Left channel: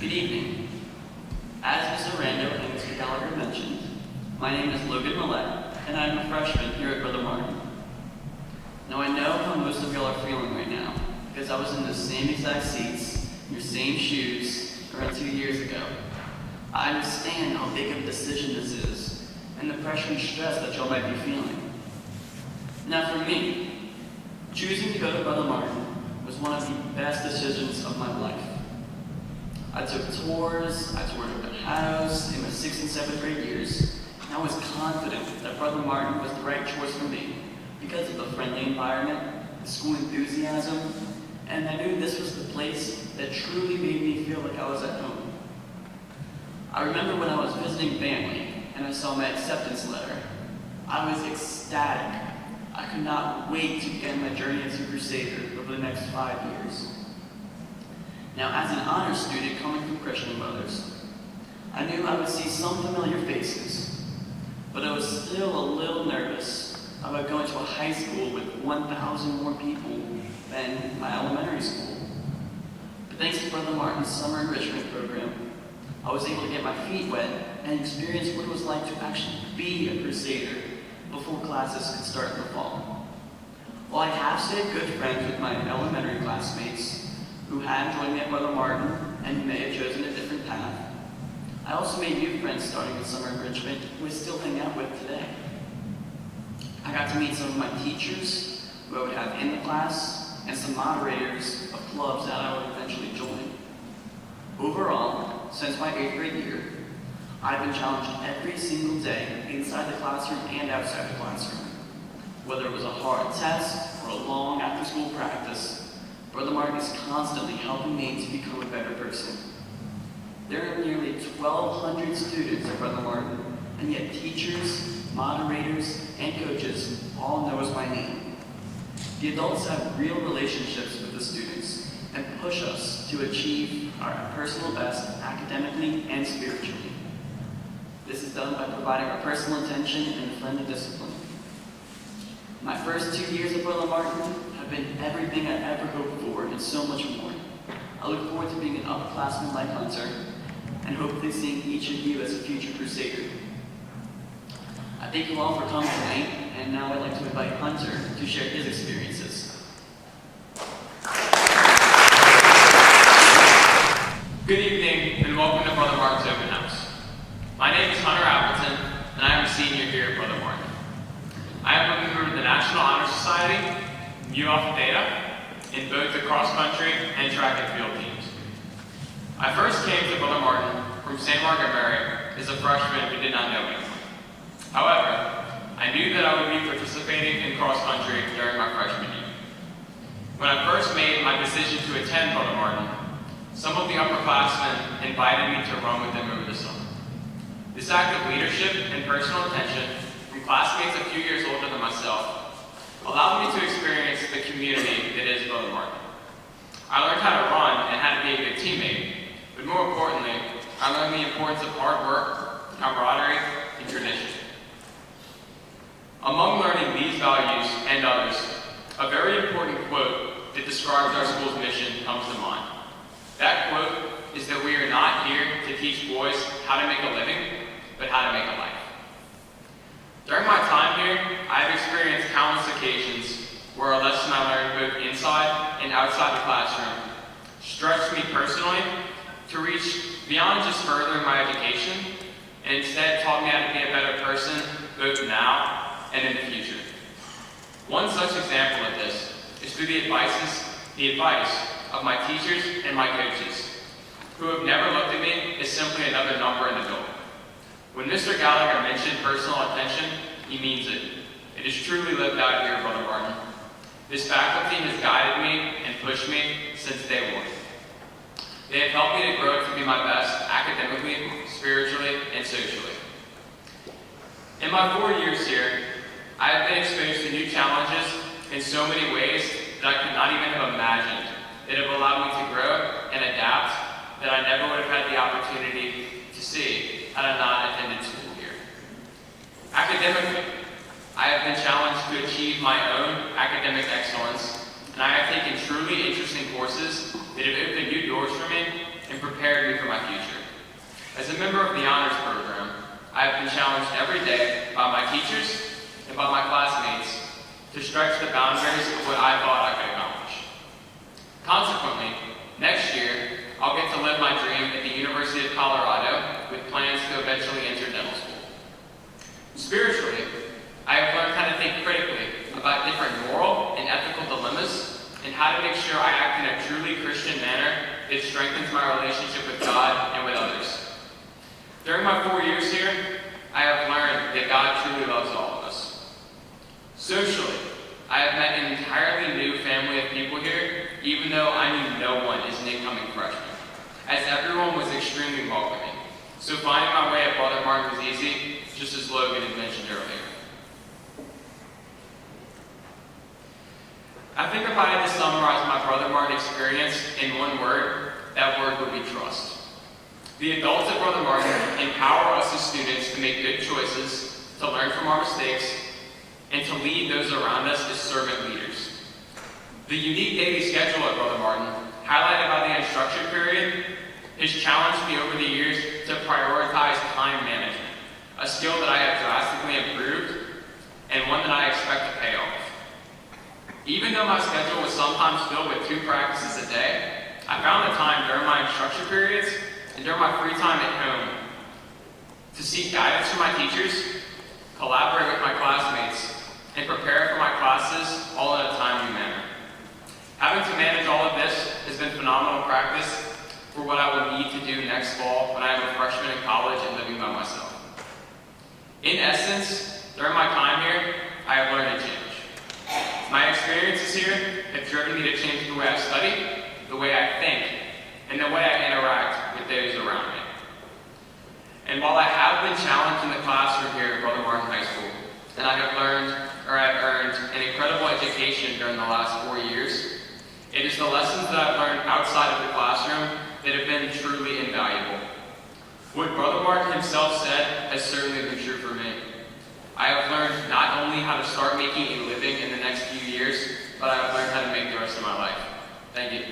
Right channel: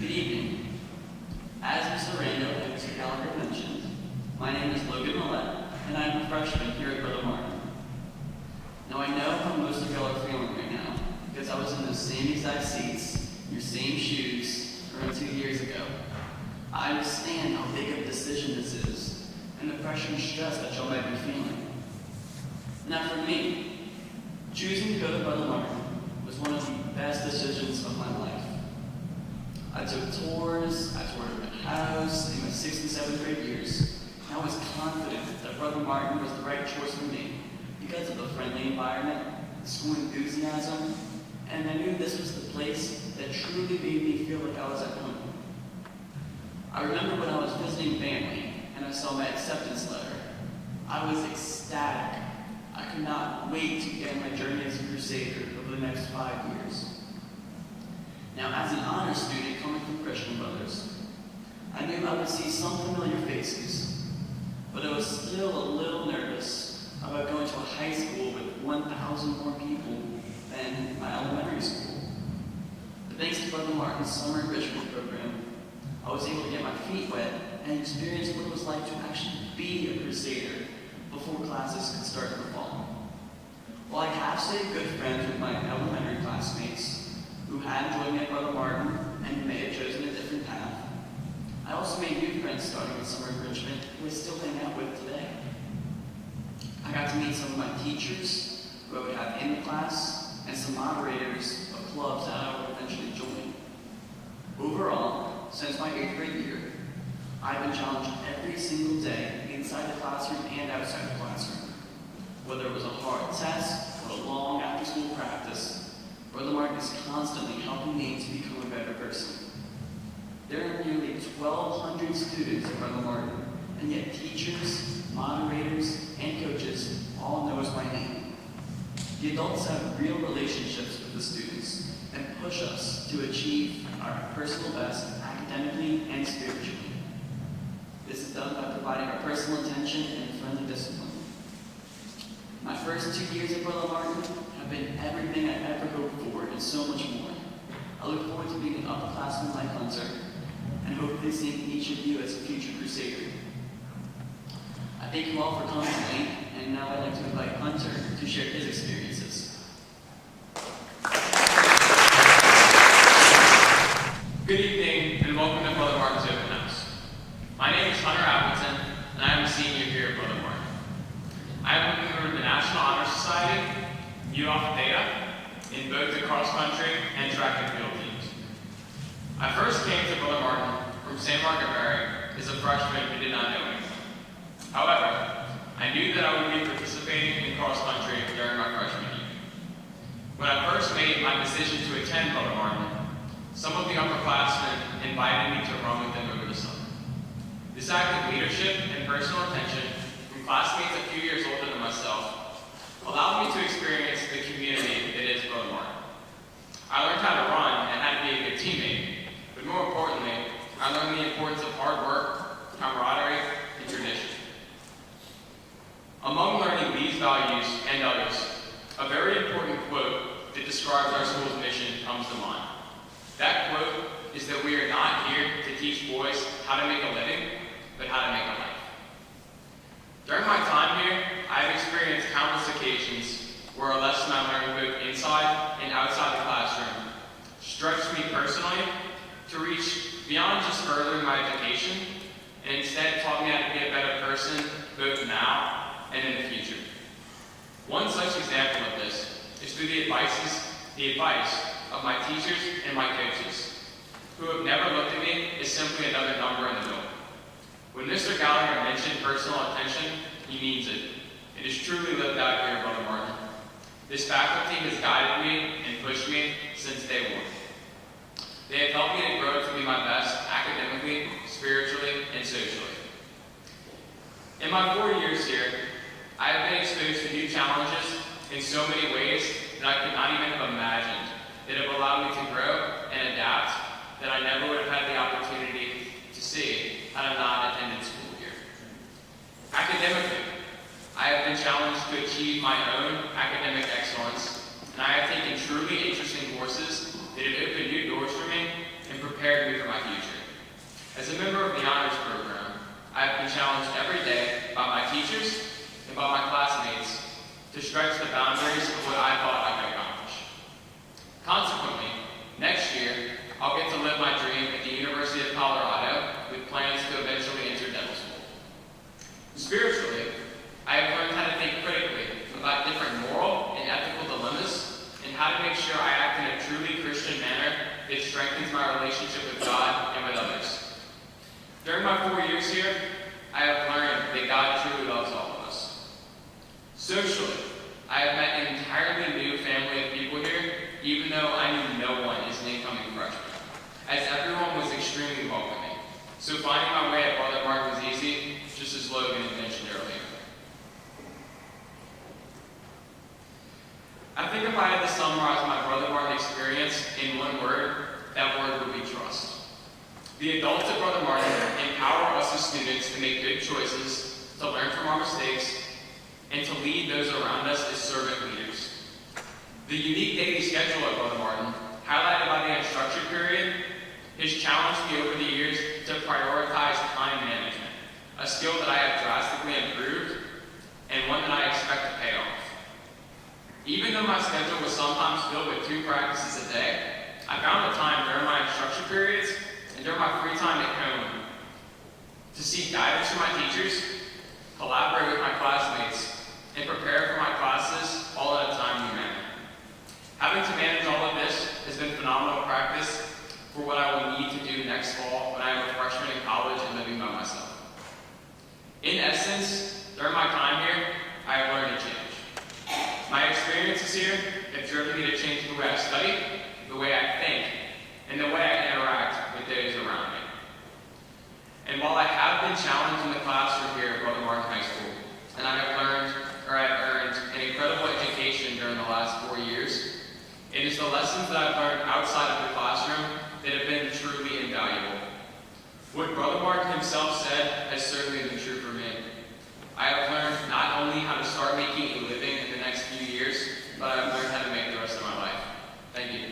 Good evening. As Mr. Rando and Mr. Gallagher mentioned, my name is Logan Millet, and I'm a freshman here at Brother Martin. Now I know how most of y'all are feeling right now, because I was in those same exact seats, in your same shoes, around 2 years ago. I understand how big of a decision this is, and the pressure and stress that y'all might be feeling. Now for me, choosing to go to Brother Martin was one of the best decisions of my life. I took tours, I toured open house in my 6th and 7th grade years, and I was confident that Brother Martin was the right choice for me because of the friendly environment, the school enthusiasm, and I knew this was the place that truly made me feel like I was at home. I remember when I was visiting family and I saw my acceptance letter, I was ecstatic. I could not wait to begin my journey as a Crusader over the next 5 years. Now, as an honor student coming from Christian Brothers, I knew I would see some familiar faces, but I was still a little nervous about going to a high school with 1,000 more people than my elementary school. But thanks to Brother Martin's summer enrichment program, I was able to get my feet wet and experience what it was like to actually be a Crusader before classes could start in the fall. While I have stayed good friends with my elementary classmates who had joined me at Brother Martin and who may have chosen a different path, I also made new friends starting with summer enrichment who I still hang out with today. I got to meet some of my teachers who I would have in the class and some moderators of clubs that I would eventually join. Overall, since my 8th grade year, I've been challenged every single day inside the classroom and outside the classroom. Whether it was a hard test or a long after-school practice, Brother Martin is constantly helping me to become a better person. There are nearly 1,200 students at Brother Martin, and yet teachers, moderators, and coaches all know us by name. The adults have real relationships with the students and push us to achieve our personal best academically and spiritually. This is done by providing our personal attention and friendly discipline. My first 2 years at Brother Martin have been everything I ever hoped for and so much more. I look forward to being an upperclassman like Hunter and hopefully seeing each of you as a future Crusader. I thank you all for coming tonight, and now I'd like to invite Hunter to share his experiences. Good evening, and welcome to Brother Martin's Open House. My name is Hunter Appleton, and I am a senior here at Brother Martin. I am a member of the National Honor Society, Mu Alpha Theta, in both the cross-country and track and field teams. I first came to Brother Martin from St. Margaret Mary as a freshman who did not know anyone. However, I knew that I would be participating in cross-country during my freshman year. When I first made my decision to attend Brother Martin, some of the upperclassmen invited me to run with them over the summer. This act of leadership and personal attention from classmates a few years older than myself allowed me to experience the community that is Brother Martin. I learned how to run and how to be a good teammate, but more importantly, I learned the importance of hard work, camaraderie, and tradition. Among learning these values and others, a very important quote that describes our school's mission comes to mind. That quote is that we are not here to teach boys how to make a living, but how to make a life. During my time here, I have experienced countless occasions where a lesson I learned both inside and outside the classroom stretched me personally to reach beyond just furthering my education, and instead taught me how to be a better person both now and in the future. One such example of this is through the advice of my teachers and my coaches, who have never looked at me as simply another number in the building. When Mr. Gallagher mentioned personal attention, he means it. It is truly lived out here at Brother Martin. This faculty has guided me and pushed me since day one. They have helped me to grow to be my best academically, spiritually, and socially. In my 4 years here, I have been exposed to new challenges in so many ways that I could not even have imagined that have allowed me to grow and adapt that I never would have had the opportunity to see had I not attended school here. Academically, I have been challenged to achieve my own academic excellence, and I have taken truly interesting courses that have opened new doors for me and prepared me for my As a member of the honors program, I have been challenged every day by my teachers and by my classmates to stretch the boundaries of what I thought I could accomplish. Consequently, next year, I'll get to live my dream at the University of Colorado with plans to eventually enter dental school. Spiritually, I have learned how to think critically about different moral and ethical dilemmas and how to make sure I act in a truly Christian manner that strengthens my relationship with God and with others. During my 4 years here, I have learned that God truly loves all of us. Socially, I have met an entirely new family of people here, even though I knew no one as an incoming freshman, as everyone was extremely welcoming. So finding my way at Brother Martin was easy, just as Logan had mentioned earlier. I think if I had to summarize my Brother Martin experience in one word, that word would be trust. The adults at Brother Martin empower us as students to make good choices, to learn from our mistakes, and to lead those around us as servant leaders. The unique daily schedule at Brother Martin, highlighted by the instruction period, has challenged me over the years to prioritize time management, a skill that I have drastically improved, and one that I expect to pay off. Even though my schedule was sometimes filled with 2 practices a day, I found the time during my instruction periods and during my free time at home to seek guidance from my teachers, collaborate with my classmates, and prepare for my classes all in a timely manner. Having to manage all of this has been phenomenal practice for what I will need to do next fall when I am a freshman in college and living by myself. In essence, during my time here, I have learned to change. My experiences here have driven me to change the way I study, the way I think, and the way I interact with those around me. And while I have been challenged in the classroom here at Brother Martin High School, and I have earned an incredible education during the last 4 years, it is the lessons that I've learned outside of the classroom that have been truly invaluable. What Brother Martin himself said has certainly been true for me. I have learned not only how to start making a living in the next few years, but I have learned how to make the rest of my life. Thank you.